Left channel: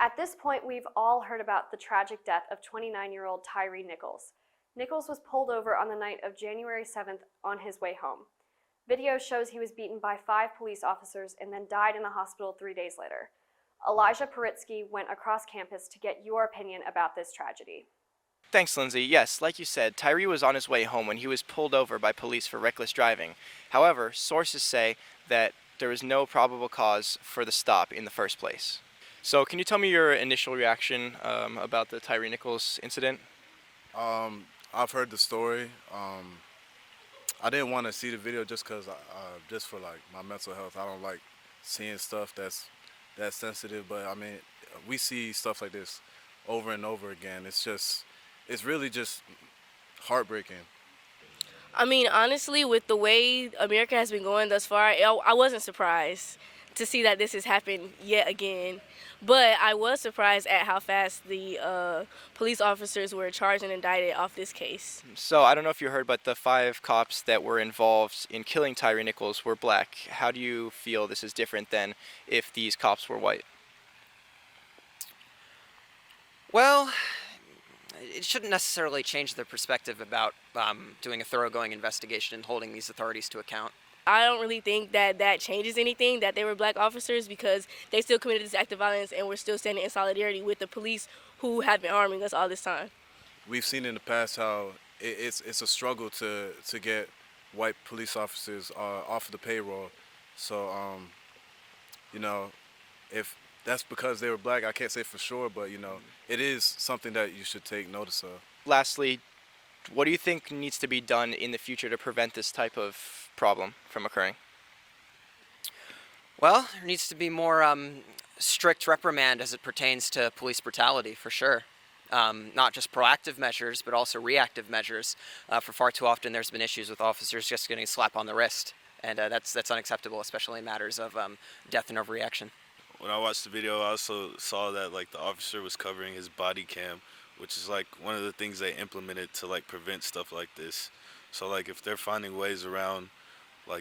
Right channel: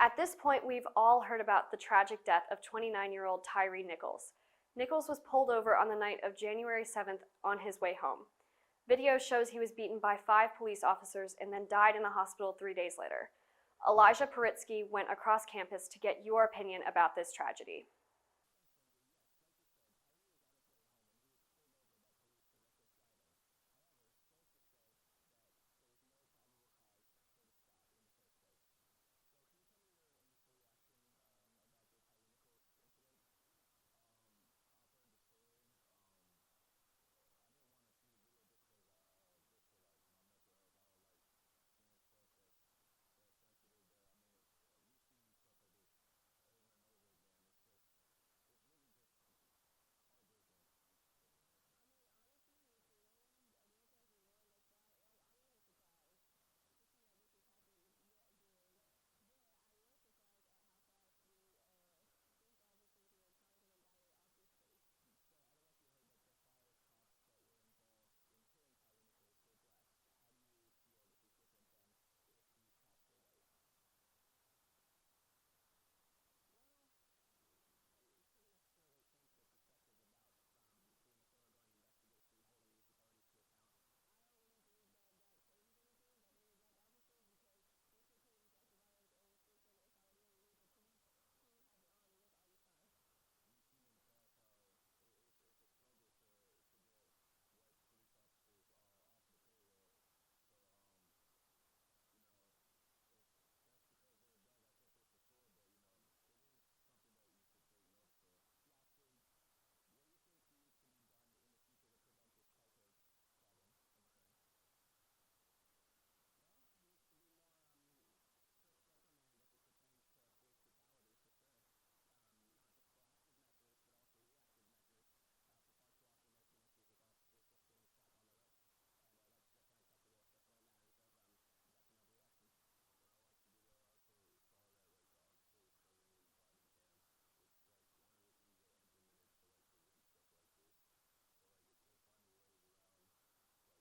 At this point, we've all heard about the tragic death of 29-year-old Tyree Nichols. Nichols was pulled over on the night of January 7th on his way home. Video shows he was beaten by 5 police officers and then died in the hospital 3 days later. Elijah Poritzky went across campus to get your opinion about this tragedy. Thanks, Lindsay. Yes, like you said, Tyree was on his way home when he was pulled over by police for reckless driving. However, sources say that there was no probable cause for the stop in the first place. So can you tell me your initial reaction about the Tyree Nichols incident? I've heard the story. I didn't want to see the video just because, just for like my mental health. I don't like seeing stuff that's sensitive. But I mean, we see stuff like this over and over again. It's really just heartbreaking. I mean, honestly, with the way America has been going thus far, I wasn't surprised to see that this has happened yet again. But I was surprised at how fast the police officers were charged and indicted off this case. So I don't know if you heard, but the 5 cops that were involved in killing Tyree Nichols were black. How do you feel this is different than if these cops were white? Well, it shouldn't necessarily change their perspective about doing a thoroughgoing investigation and holding these authorities to account. I don't really think that changes anything, that they were black officers, because they still committed this act of violence and we're still standing in solidarity with the police who have been harming us all this time. We've seen in the past how it's a struggle to get white police officers off of the payroll. So, if that's because they were black, I can't say for sure, but, it is something that you should take notice of. Lastly, what do you think needs to be done in the future to prevent this type of problem from occurring? Well, there needs to be more strict reprimand as it pertains to police brutality, for sure. Not just proactive measures, but also reactive measures. For far too often, there's been issues with officers just getting a slap on the wrist, and that's unacceptable, especially in matters of death and overreaction. When I watched the video, I also saw that the officer was covering his body cam, which is one of the things they implemented to prevent stuff like this. So if they're finding ways around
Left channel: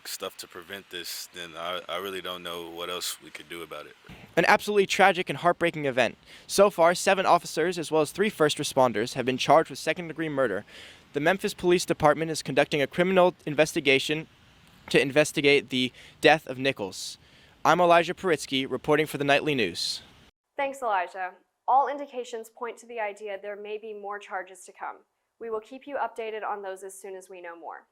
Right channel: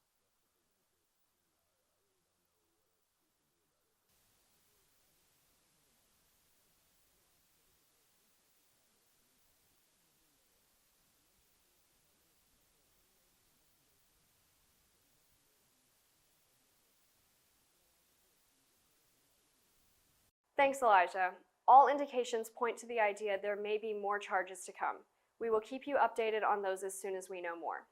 stuff to prevent this, then I really don't know what else we could do about it. An absolutely tragic and heartbreaking event. So far, 7 officers as well as 3 first responders have been charged with second-degree murder. The Memphis Police Department is conducting a criminal investigation to investigate the death of Nichols. I'm Elijah Poritzky, reporting for the Nightly News. Thanks, Elijah. All indications point to the idea there may be more charges to come. We will keep you updated on those as soon as we know more.